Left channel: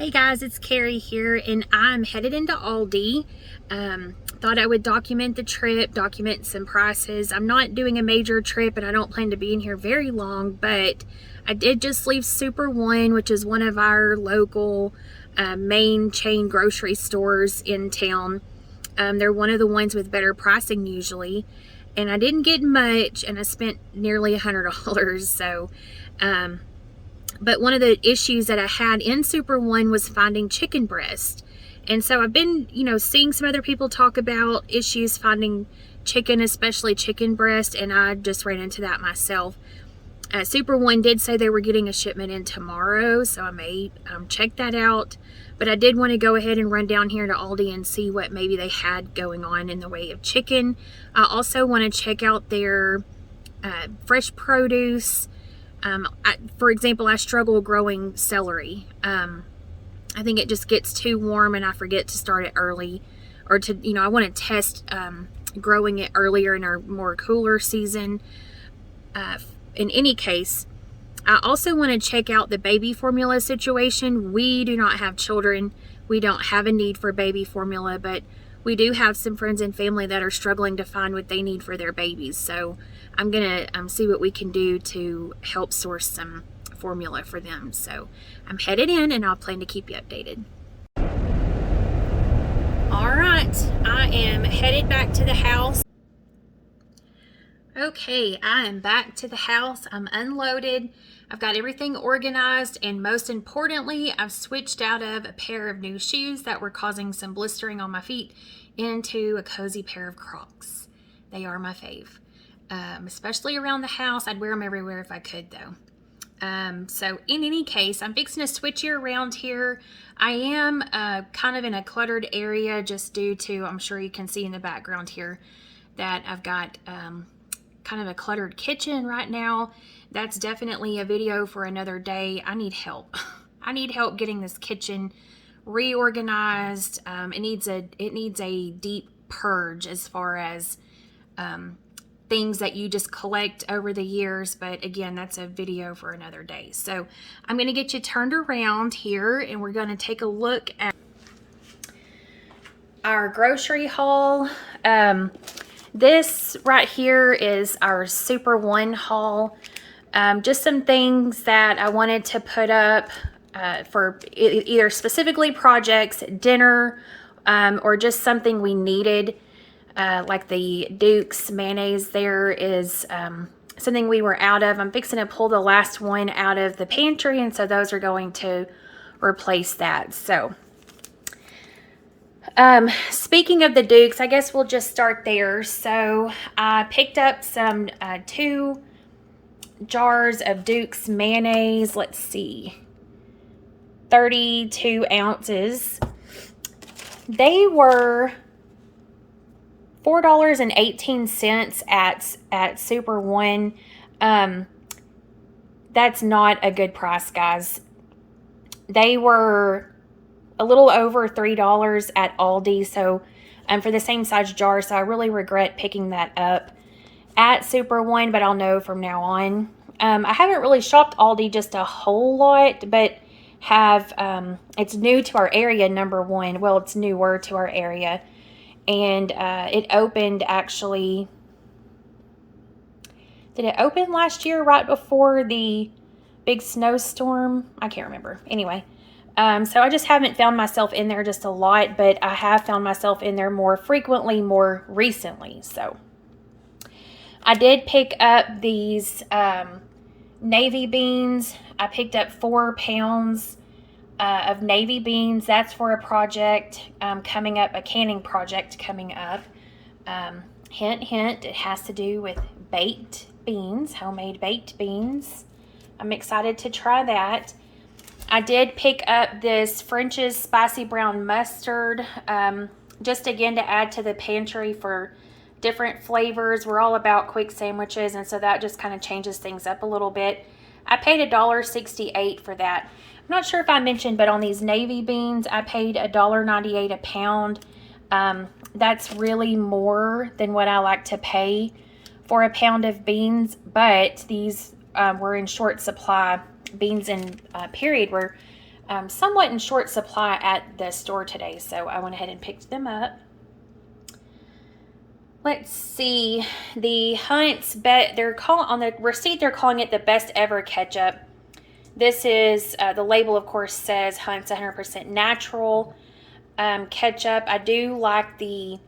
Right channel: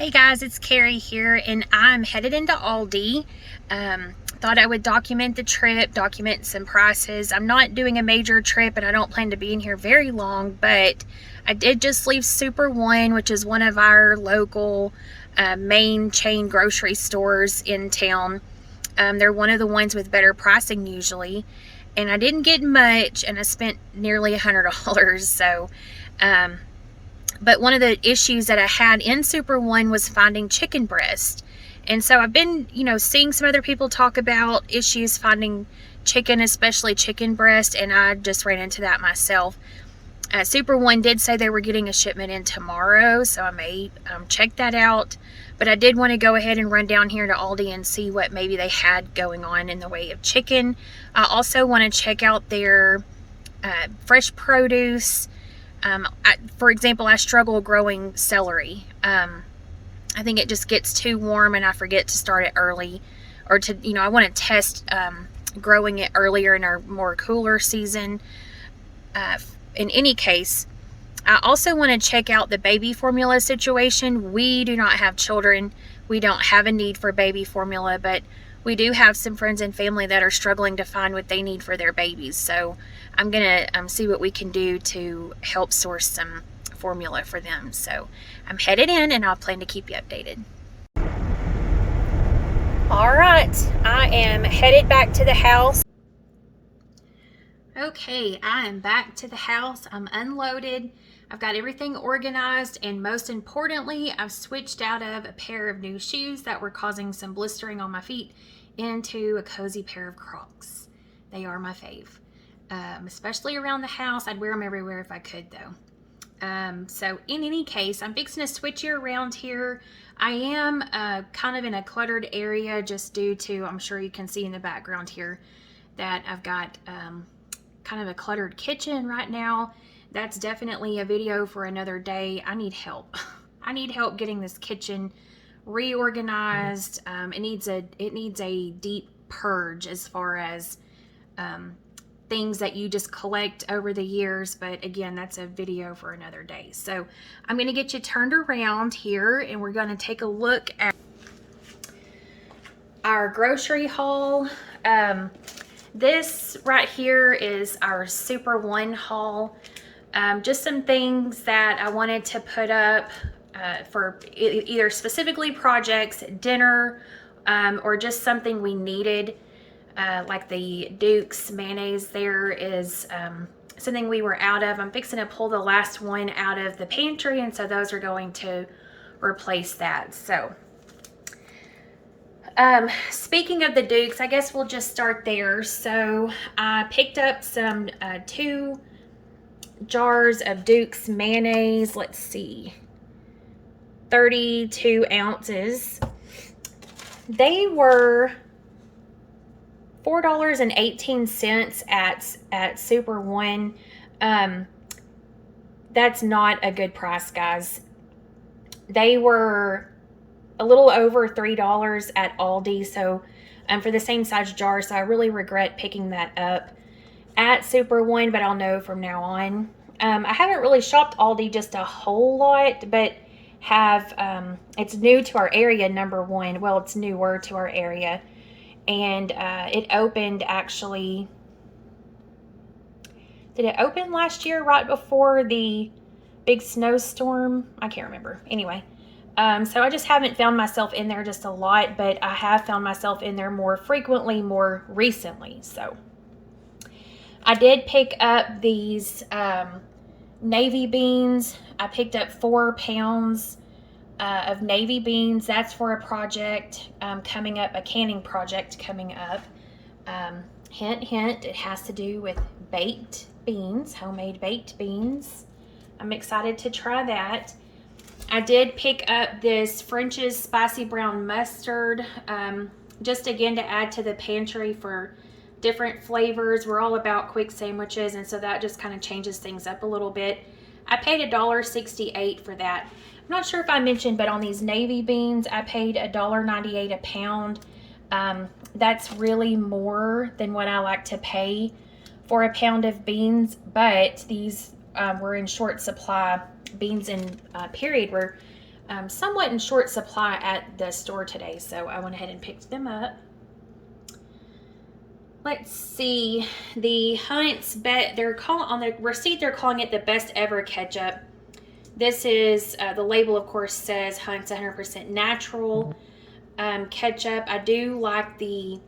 Hey guys, it's Carie here, and I'm headed into Aldi. Thought I would document the trip, document some prices. I'm not doing a major trip, and I don't plan to be in here very long, but I did just leave Super One, which is one of our local main chain grocery stores in town. They're one of the ones with better pricing usually, and I didn't get much, and I spent nearly $100, so but one of the issues that I had in Super One was finding chicken breast. And so I've been, seeing some other people talk about issues finding chicken, especially chicken breast, and I just ran into that myself. Super One did say they were getting a shipment in tomorrow, so I may check that out. But I did want to go ahead and run down here to Aldi and see what maybe they had going on in the way of chicken. I also want to check out their fresh produce. For example, I struggle growing celery. I think it just gets too warm and I forget to start it early, or I want to test growing it earlier in our more cooler season. In any case, I also want to check out the baby formula situation. We do not have children. We don't have a need for baby formula, but we do have some friends and family that are struggling to find what they need for their babies. So I'm going to see what we can do to help source some formula for them. So I'm headed in, and I'll plan to keep you updated. All right, I am headed back to the house. Okay, I am back to the house. I'm unloaded. I've got everything organized, and most importantly, I've switched out of a pair of new shoes that were causing some blistering on my feet into a cozy pair of Crocs. They are my fave. Especially around the house. I'd wear them everywhere if I could, though. So in any case, I'm fixing to switch you around here. I am kind of in a cluttered area just due to, I'm sure you can see in the background here, that I've got kind of a cluttered kitchen right now. That's definitely a video for another day. I need help. I need help getting this kitchen reorganized. It needs a deep purge as far as things that you just collect over the years, but again, that's a video for another day. So I'm going to get you turned around here, and we're going to take a look at our grocery haul. This right here is our Super One haul. Just some things that I wanted to put up for either specifically projects, dinner, or just something we needed. Like the Duke's mayonnaise there is something we were out of. I'm fixing to pull the last one out of the pantry, and so those are going to replace that. So speaking of the Duke's, I guess we'll just start there. So I picked up some 2 jars of Duke's mayonnaise. Let's see, 32 ounces. They were $4.18 at Super One. That's not a good price, guys. They were a little over $3 at Aldi, so for the same size jar. So I really regret picking that up at Super One, but I'll know from now on. I haven't really shopped Aldi just a whole lot, but have it's new to our area, number one. Well, it's newer to our area. And it opened actually, did it open last year right before the big snowstorm? I can't remember. Anyway, so I just haven't found myself in there just a lot, but I have found myself in there more frequently, more recently. So I did pick up these navy beans. I picked up 4 pounds of navy beans. That's for a project coming up, a canning project coming up. Hint, hint, it has to do with baked beans, homemade baked beans. I'm excited to try that. I did pick up this French's spicy brown mustard, just again to add to the pantry for different flavors. We're all about quick sandwiches, and so that just kind of changes things up a little bit. I paid $1.68 for that. I'm not sure if I mentioned, but on these navy beans, I paid $1.98 a pound. That's really more than what I like to pay for a pound of beans, but these were in short supply. Beans in period were somewhat in short supply at the store today, so I went ahead and picked them up. Let's see, the Hunt's they're calling on the receipt, they're calling it the best ever ketchup. This is the label, of course, says Hunt's 100% natural ketchup. I do like the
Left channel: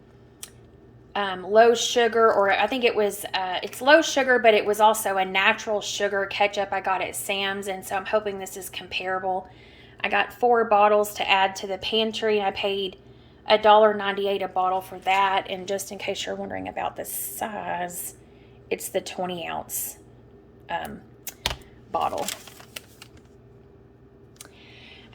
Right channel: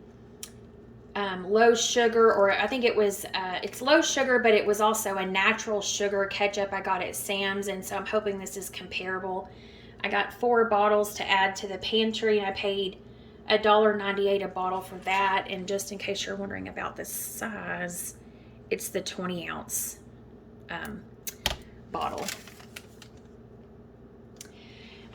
low sugar, or I think it was it's low sugar, but it was also a natural sugar ketchup I got at Sam's, and so I'm hoping this is comparable. I got 4 bottles to add to the pantry, and I paid $1.98 a bottle for that. And just in case you're wondering about the size, it's the 20-ounce bottle.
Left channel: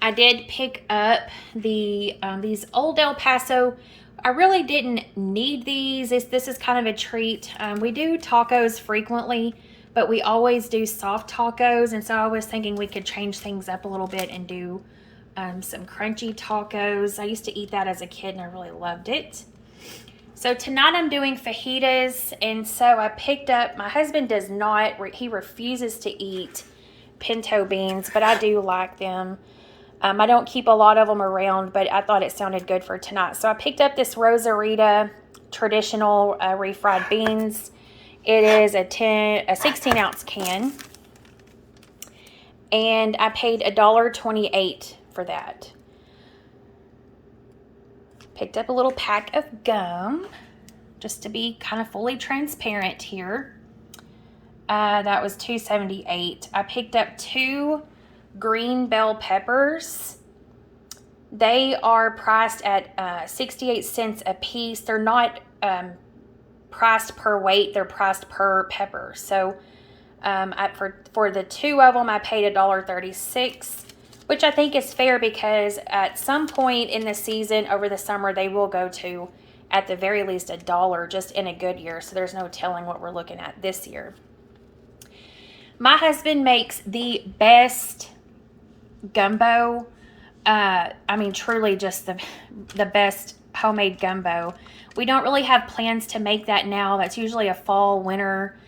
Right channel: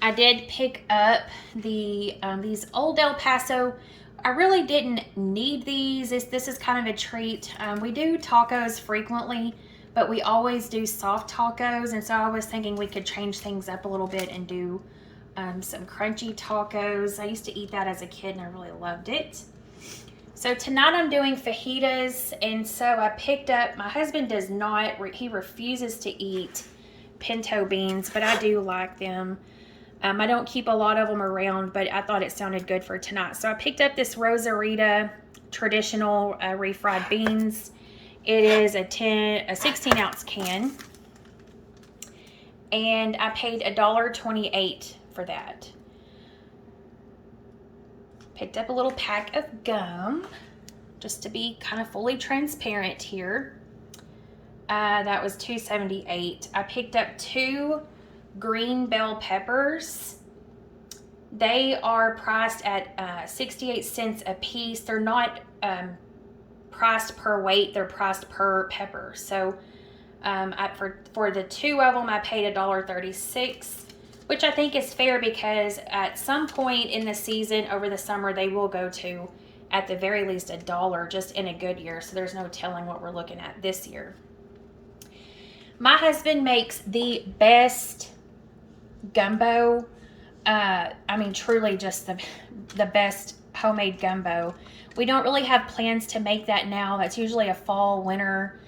I did pick up the these Old El Paso. I really didn't need these. This is kind of a treat. We do tacos frequently, but we always do soft tacos, and so I was thinking we could change things up a little bit and do some crunchy tacos. I used to eat that as a kid and I really loved it. So tonight I'm doing fajitas, and so I picked up, my husband does not, he refuses to eat pinto beans, but I do like them. I don't keep a lot of them around, but I thought it sounded good for tonight. So I picked up this Rosarita traditional refried beans. It is a 16-ounce can, and I paid $1.28 for that. Picked up a little pack of gum, just to be kind of fully transparent here. That was $2.78. I picked up 2 green bell peppers. They are priced at 68 cents a piece. They're not priced per weight, they're priced per pepper. So for the 2 of them I paid $1.36, which I think is fair, because at some point in the season over the summer they will go to at the very least $1 just in a good year. So there's no telling what we're looking at this year. My husband makes the best gumbo. I mean, truly just the best homemade gumbo. We don't really have plans to make that now. That's usually a fall, winter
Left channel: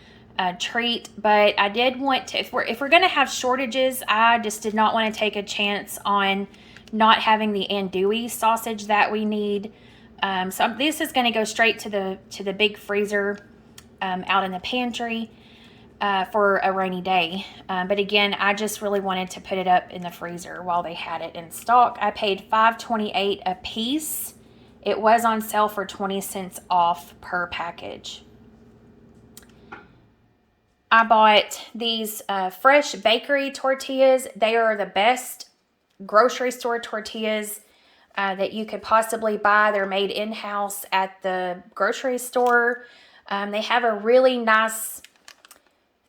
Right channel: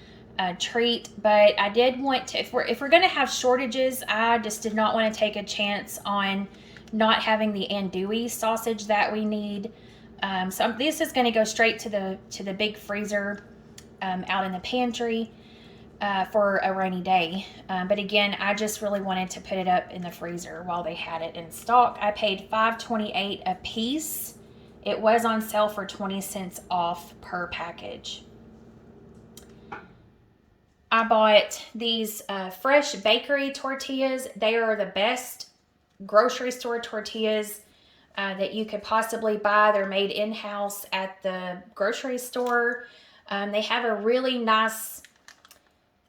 treat, but I did want to, if we're going to have shortages, I just did not want to take a chance on not having the andouille sausage that we need. So this is going to go straight to the big freezer out in the pantry for a rainy day. But again, I just really wanted to put it up in the freezer while they had it in stock. I paid $5.28 a piece. It was on sale for 20 cents off per package. I bought these fresh bakery tortillas. They are the best grocery store tortillas that you could possibly buy. They're made in-house at the grocery store. They have a really nice,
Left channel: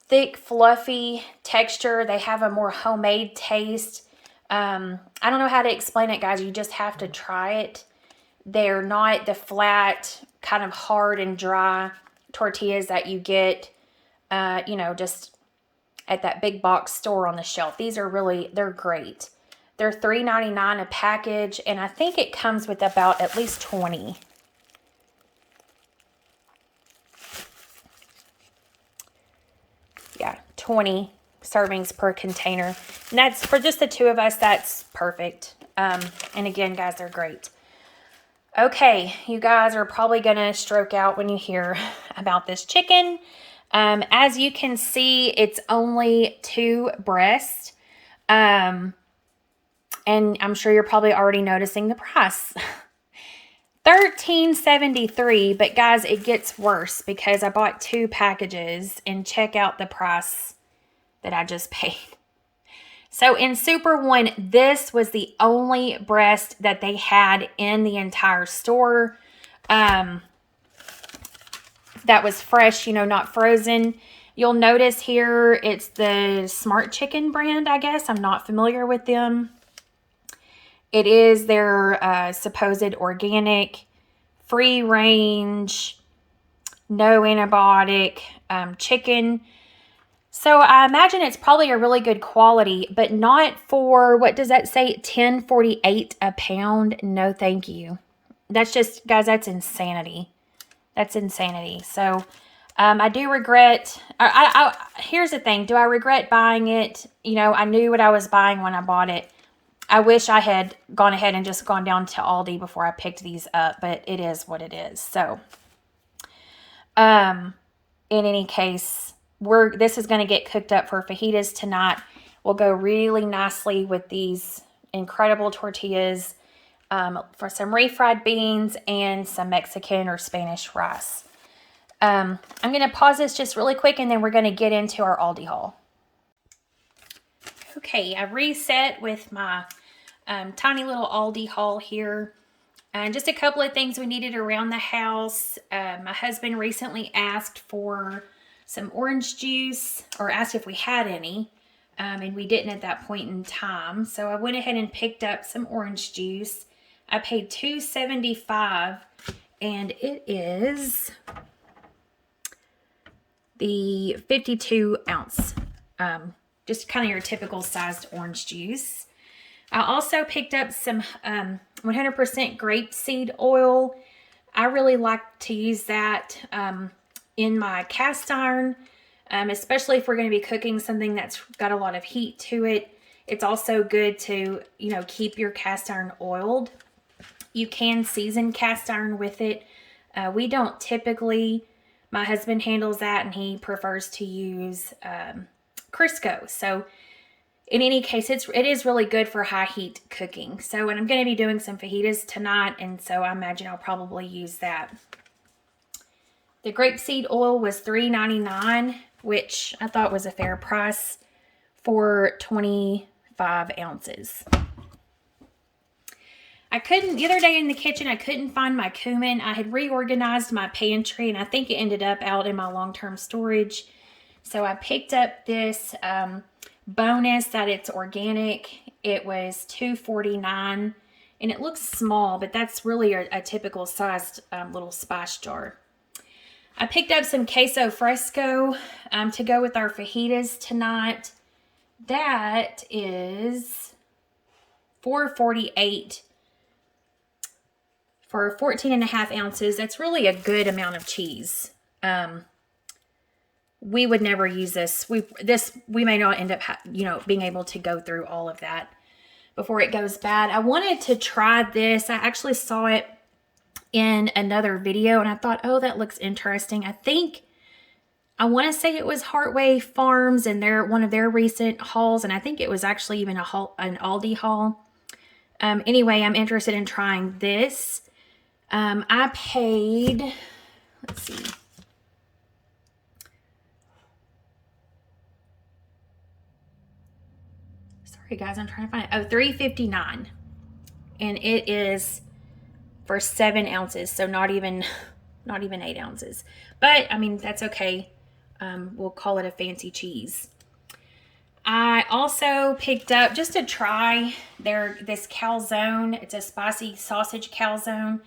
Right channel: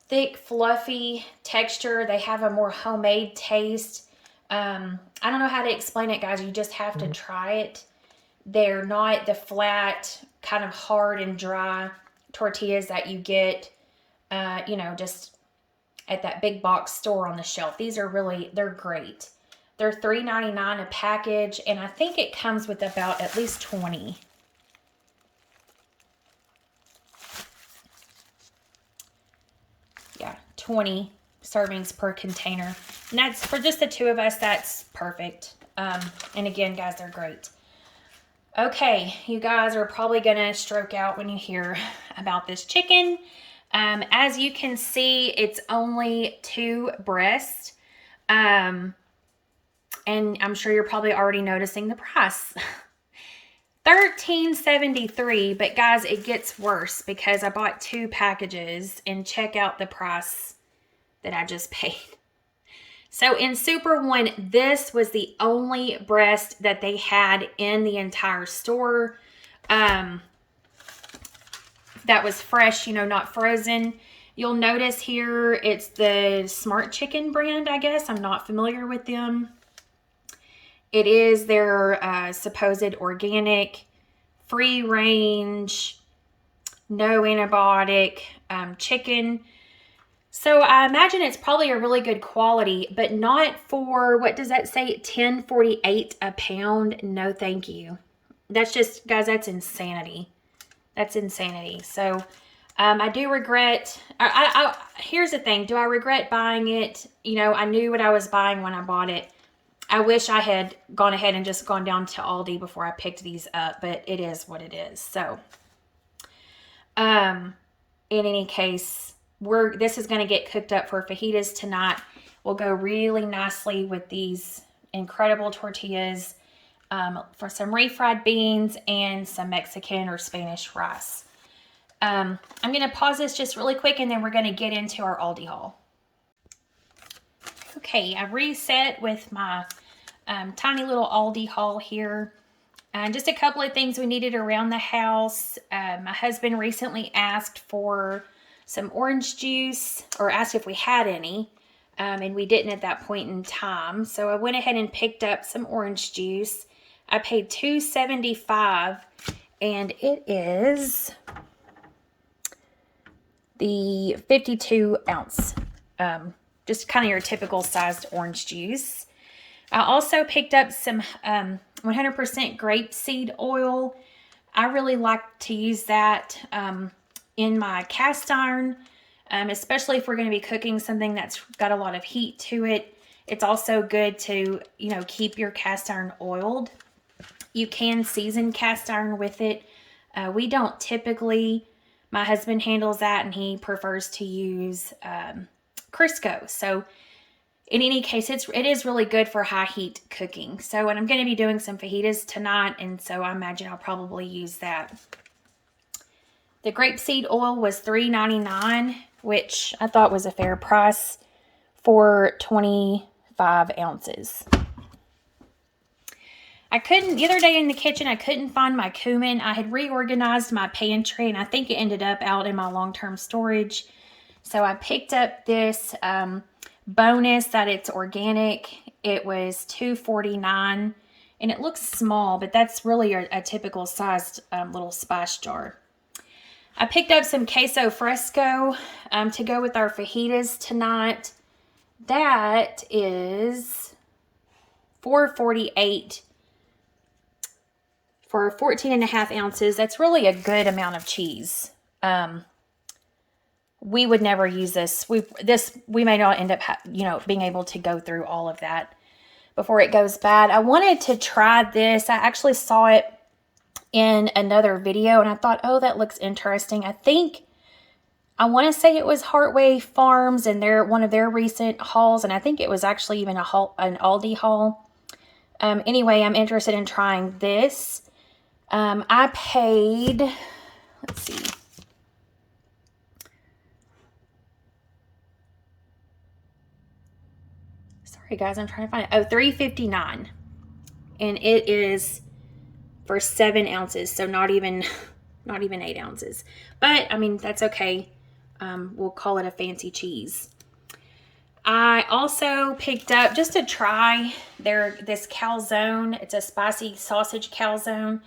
thick, fluffy texture. They have a more homemade taste. I don't know how to explain it, guys. You just have to try it. They're not the flat, kind of hard and dry tortillas that you get just at that big box store on the shelf. These are they're great. They're $3.99 a package, and I think it comes with about at least 20. Yeah, 20 servings per container. And that's, for just the 2 of us, that's perfect. And again, guys, they're great. Okay, you guys are probably going to stroke out when you hear about this chicken. As you can see, it's only 2 breasts. And I'm sure you're probably already noticing the price. $13.73, but guys, it gets worse because I bought 2 packages, and check out the price that I just paid. So in Super One, this was the only breast that they had in the entire store. That was fresh, not frozen. You'll notice here it's the Smart Chicken brand, I guess. I'm not familiar with them. It is their supposed organic, free range, no antibiotic chicken. So I imagine it's probably a really good quality, but not for, what does that say, $10.48 a pound? No, thank you. That's just, guys, that's insanity. That's insanity. So I do regret, here's the thing. Do I regret buying it? I knew what I was buying when I bought it. I wish I had gone ahead and just gone down to Aldi before I picked these up, but it is what it is. So, in any case, this is going to get cooked up for fajitas tonight. Will go really nicely with these incredible tortillas, for some refried beans and some Mexican or Spanish rice. I'm going to pause this just really quick, and then we're going to get into our Aldi haul. Okay, I reset with my tiny little Aldi haul here. And just a couple of things we needed around the house. My husband recently asked for some orange juice, or asked if we had any, and we didn't at that point in time. So I went ahead and picked up some orange juice. I paid $2.75, and it is the 52 ounce, just kind of your typical sized orange juice. I also picked up some 100% grape seed oil. I really like to use that in my cast iron, especially if we're going to be cooking something that's got a lot of heat to it. It's also good to, keep your cast iron oiled. You can season cast iron with it. We don't typically. My husband handles that, and he prefers to use Crisco. So in any case, it is really good for high heat cooking. So, and I'm going to be doing some fajitas tonight, and so I imagine I'll probably use that. The grape seed oil was $3.99, which I thought was a fair price for 25 ounces. The other day in the kitchen, I couldn't find my cumin. I had reorganized my pantry, and I think it ended up out in my long-term storage. So I picked up this bonus that it's organic. It was $2.49, and it looks small, but that's really a typical sized little spice jar. I picked up some Queso Fresco to go with our fajitas tonight. That is $4.48 for 14.5 ounces. That's really a good amount of cheese. We would never use this. We may not end up, being able to go through all of that before it goes bad. I wanted to try this. I actually saw it in another video, and I thought, oh, that looks interesting. I want to say it was Heartway Farms and one of their recent hauls, and I think it was actually even an Aldi haul. Anyway, I'm interested in trying this. I paid, let's see. Sorry guys, I'm trying to find it. Oh, $3.59. And it is for 7 ounces, so not even 8 ounces. But I mean, that's okay. We'll call it a fancy cheese. I also picked up, just to try, this calzone. It's a spicy sausage calzone.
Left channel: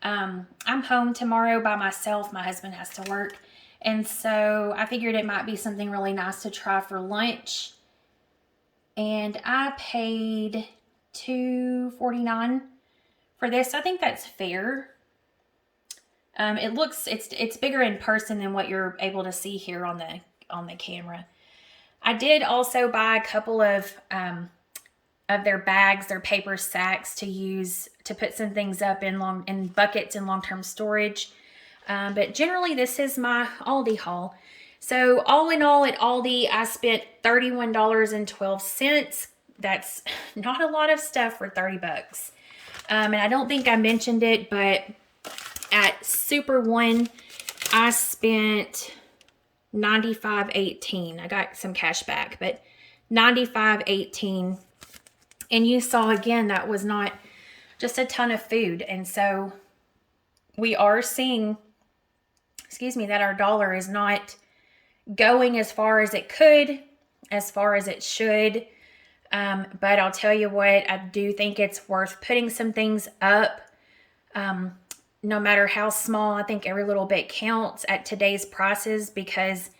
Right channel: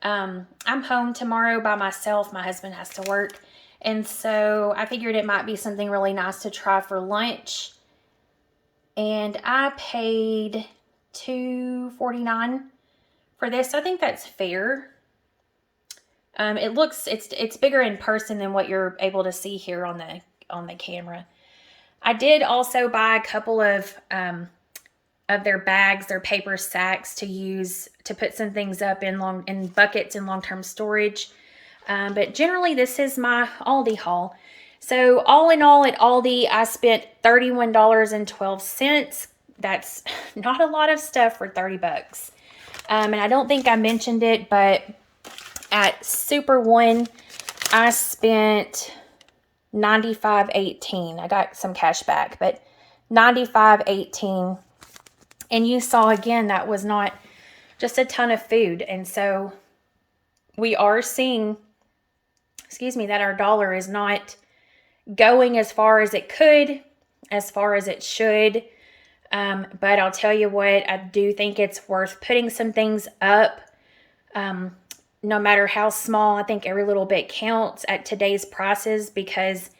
I'm home tomorrow by myself. My husband has to work. And so I figured it might be something really nice to try for lunch. And I paid $2.49 for this. I think that's fair. It's bigger in person than what you're able to see here on the camera. I did also buy a couple of their bags, their paper sacks to use to put some things up in buckets in long-term storage. But generally, this is my Aldi haul. So all in all, at Aldi, I spent $31.12. That's not a lot of stuff for 30 bucks. And I don't think I mentioned it, but at Super One, I spent $95.18. I got some cash back, but $95.18. And you saw again, that was not just a ton of food. And so we are seeing, that our dollar is not going as far as it could, as far as it should. But I'll tell you what, I do think it's worth putting some things up. No matter how small, I think every little bit counts at today's prices, because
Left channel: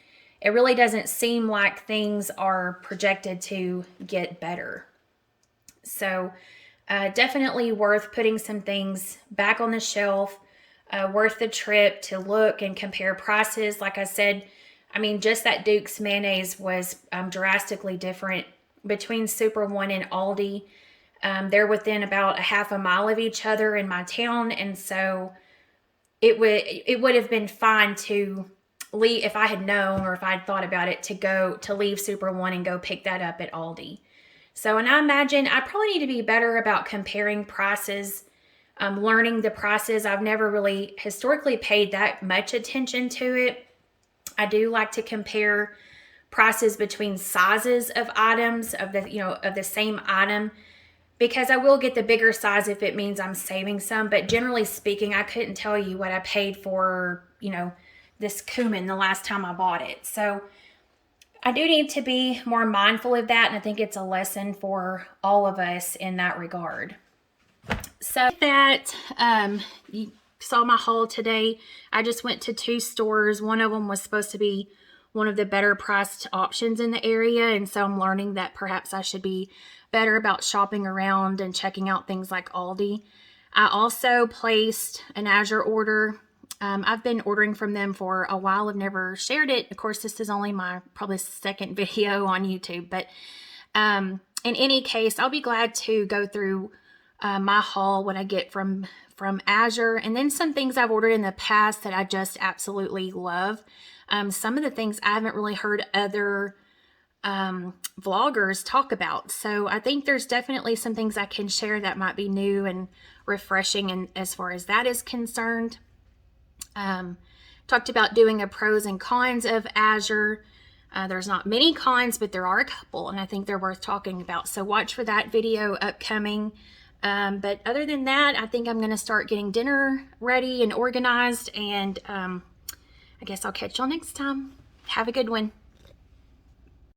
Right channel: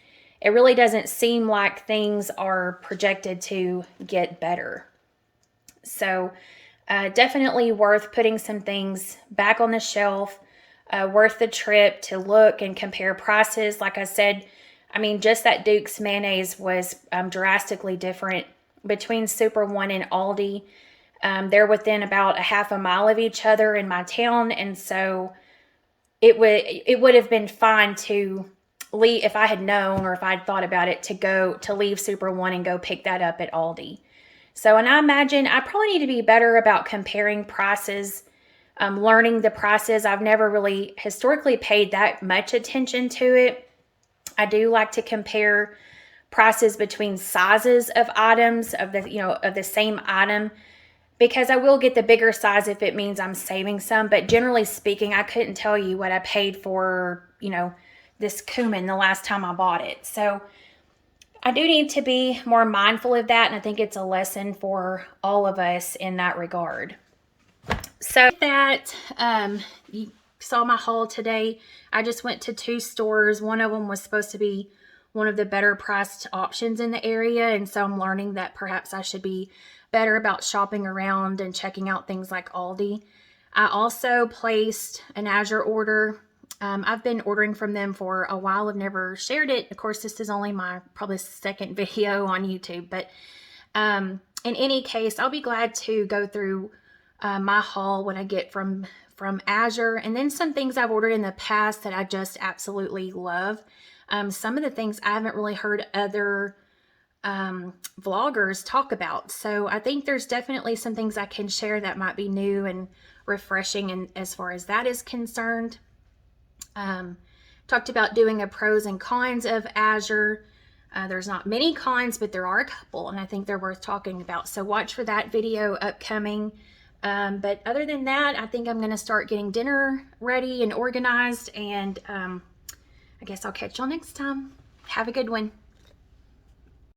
it really doesn't seem like things are projected to get better. So definitely worth putting some things back on the shelf, worth the trip to look and compare prices. Like I said, I mean, just that Duke's mayonnaise was drastically different between Super One and Aldi. They're within about a half a mile of each other in my town, and so it would have been fine to leave if I had known, or if I'd thought about it, to leave Super One and go pick that up at Aldi. So, and I imagine I probably need to be better about comparing prices, learning the prices. I've never really historically paid that much attention to it. I do like to compare prices between sizes of items of the same item, because I will get the bigger size if it means I'm saving some. But generally speaking, I couldn't tell you what I paid for, this cumin the last time I bought it. So I do need to be more mindful of that, and I think it's a lesson for all of us in that regard. So that you saw my haul today. I just went to 2 stores. One of them was supposed to be one of the better priced options in the area, and so I'm learning that perhaps I should be better about shopping around and checking out things like Aldi. I also placed an Azure order. I've been ordering from them for a while. I've never shared it. Of course, this is only my probably second video on YouTube, but in any case, I'll be glad to go through my haul when I get from Azure, and then some things I've ordered in the past that I just absolutely love. Some of the things I haven't really heard other vloggers talk about. So I think there's definitely some things I can share that might be new and refreshing, and as far as that is concerned. Talked about doing a pros and cons of Azure. There's not many cons, but there are a couple, and I think they're worth talking about. So watch for that video upcoming. But other than that, I think I'm going to start getting dinner ready and organized, and I guess I'll catch y'all next time. Have a good one.